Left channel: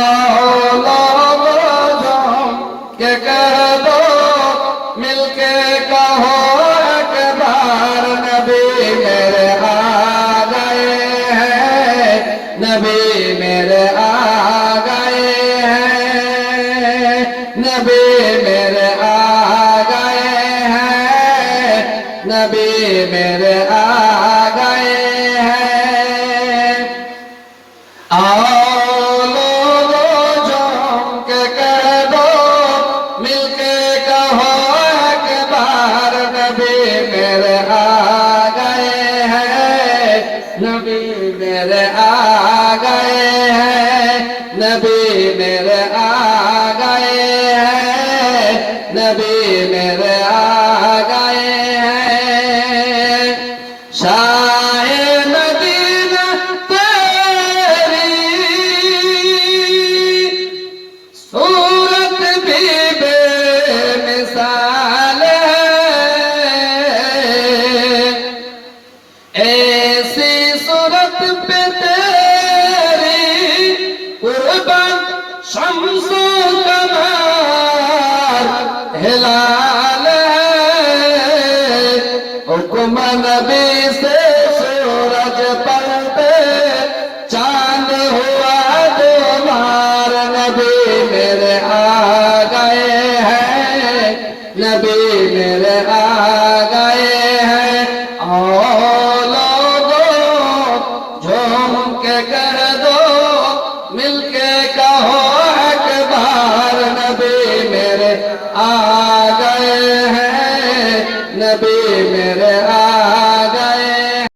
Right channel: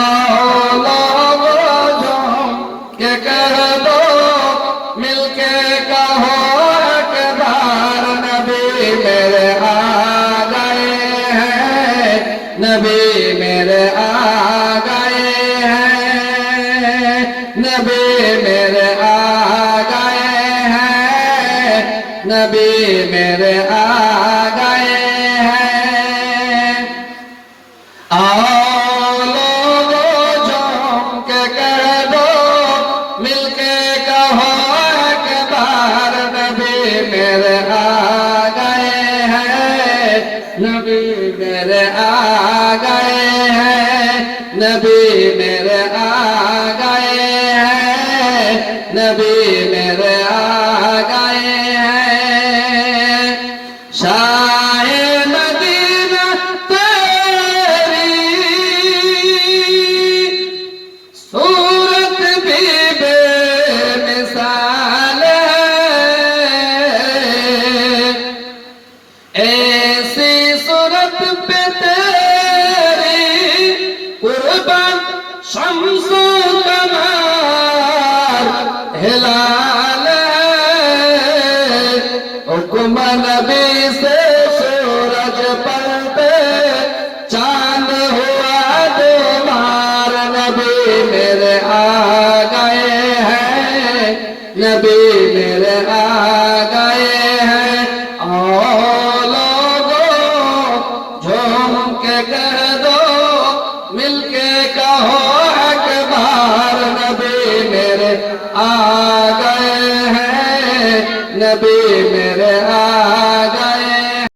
लोगों के कह दो मिलके कहो एक बार नबी मेरे आ गए हैं, नबी मेरे आ गए हैं, नबी मेरे आ गए हैं, नबी मेरे आ गए हैं। आओ लोगों जम के कह दो मिलके कहो एक बार नबी मेरे आ गए हैं, नबी मेरे आ गए हैं, नबी मेरे आ गए हैं, नबी मेरे आ गए हैं। शाहे मदीना तेरी सूरत भी बेमिसाल है, ऐसी सूरत पे तेरी कुर्बान शम्स-ए कमर हिलाल हुक्म नबी से सूरज पलटे चांद हुआ दो बार नबी मेरे आ गए हैं, नबी मेरे आ गए हैं। आओ लोगों झूम के कर दो मिलके कहो एक बार नबी मेरे आ गए हैं, नबी मेरे आ